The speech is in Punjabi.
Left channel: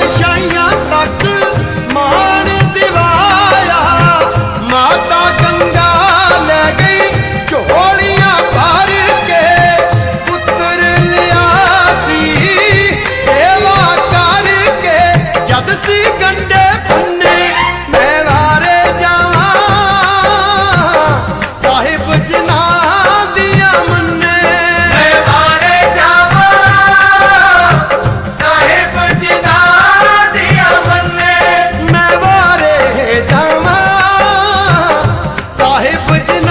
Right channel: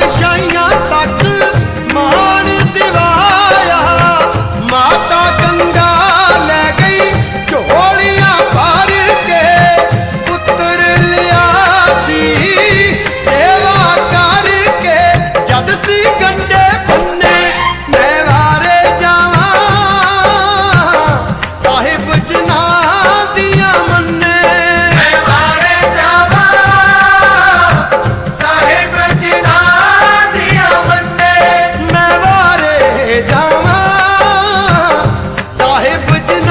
ਪਾਤਸ਼ਾਹੀਆਂ ਤੱਕ ਮਾਣ ਦਿਵਾਇਆ ਮਾਤਾ ਗੰਗਾ बुझना